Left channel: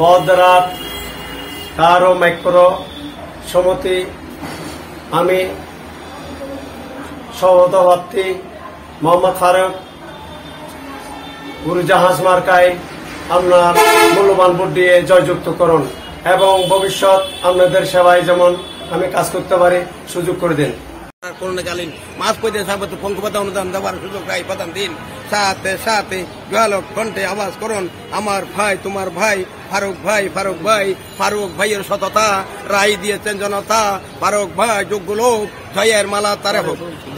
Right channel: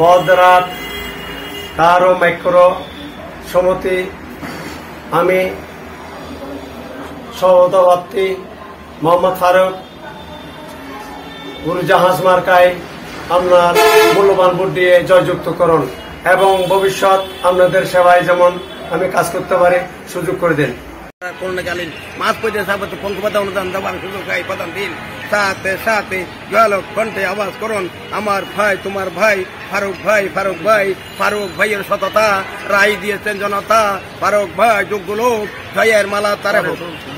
বদরাত কারো মাইক্রো সমিতি আমি সভাপতি মোহাম্মদ ফারুক উড়োজাহাজ মার্কায় আপনার মূল্যবান ভোট দিয়ে জয়যুক্ত করুন এবং ভবিষ্যৎ আপনাদের সেবায় যেমন আমি কাজ করতে পারি সুযোগ করে দেন। করোনাকালীন মাস পর্যায়ে সাবত পঙ্কপাতা অনুদান দেওয়ার সুযোগ প্রদান দিন। সাথে সাথে জয়ালক কণ্ঠে আওয়াজ করুন আমার ভাই তোমার ভাই ফারুক ভাই ফারুক ভাই ফারুক ভাইয়ের সততা রায় দিয়েছেন জনতা। ফারুক ভাই যোগ্য লোক জয়ের মালা তারা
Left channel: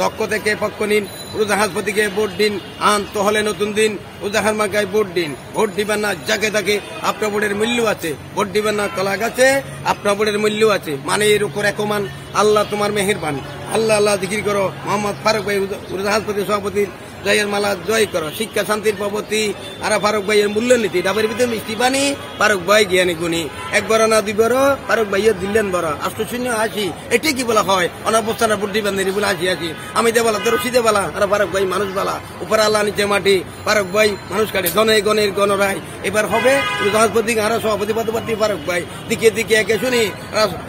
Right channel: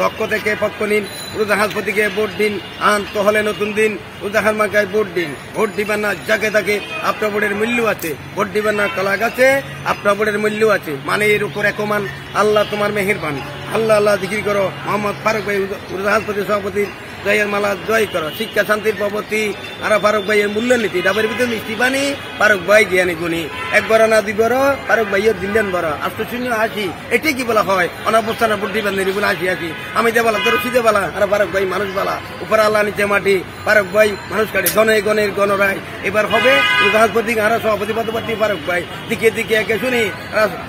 দক্ষ থেকে পক্ষ নিন। উড়োজাহাজপতিকে ভোট দিন। আন্ত হলে নতুন দিন উড়োজাহাজ মার্কায় ভোট দিন। ভোট দিবেন না যাকে তাকে আপনার ভোটের মূল্য আছে। ভোট দিবেন না কলা গাছে আপনার ভোটের মূল্য আছে। মানে এর উপর একমান আল্লাহ তোমার মেহেরবান। আল্লাহ আল্লাহ জিকির করো। মোহাম্মদ ফারুক ভাই উড়োজাহাজপতি সভাপতি জয়ের মালা জয় করো। শিক্ষা শান্তির প্রবর্তী আর ফারুক ভাইয়ের মূল্যনীতি ডাবের ভিতরে মিষ্টি পানি ফারুক ভাই জ্ঞানী গুণী। একবার না দুইবার ফারুক ভাইয়ের দিলেন বড় আষ্ট শূন্য আসি এটি কি বলা হয় অনাবস্থান ভোট দিবেন বলে আসি আসি আমি দেবালা তোর সিদে বালা আর ফারুক ভাই মানুষ বালা উপর আল্লাহ নিচে মাটি ফারুক ভাই মানুষ কাটে গণে গণের গণরায় এবার হবে উড়োজাহাজপতি আর সভাপতি পদপ্রার্থী ফারুক ভাই দিকে দিকে একে শুনি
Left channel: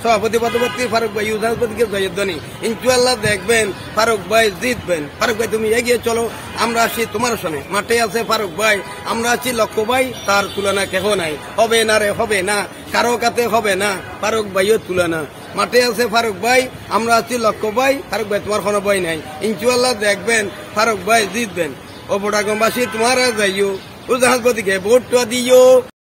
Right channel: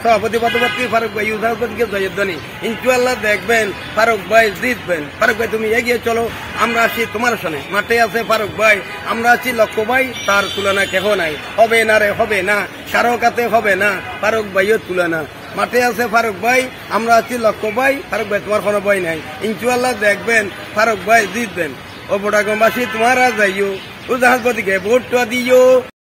সভাপতি পদপ্রার্থী ফারুক ভাই উড়োজাহাজপতিকে জয়ের ধ্বনি ইনশাআল্লাহ দেখবেন ফারুক ভাই জিতবেন। ফারুক ভাই তুমি এগিয়ে চলো আমরা আছি তোমার সঙ্গে। মাঠে আছে ফারুক ভাই আমরা আছি লক্ষ্য ভাই তার তুলনা কেহ নাই। হবে না রে হবে না কারো কাতে হবে না ফারুক ভাইও তুলনা। মাঠে আছে ফারুক ভাই আমরা আছি লক্ষ্য ভাই ফারুক ভাই তোমার কোনো ভয় নাই। ইনশাআল্লাহ দেখবেন ফারুক ভাই জিতবেন। ও বোটাগমবাসী তোমারা যাইও উড়োজাহাজপতিকে ভোট দিও।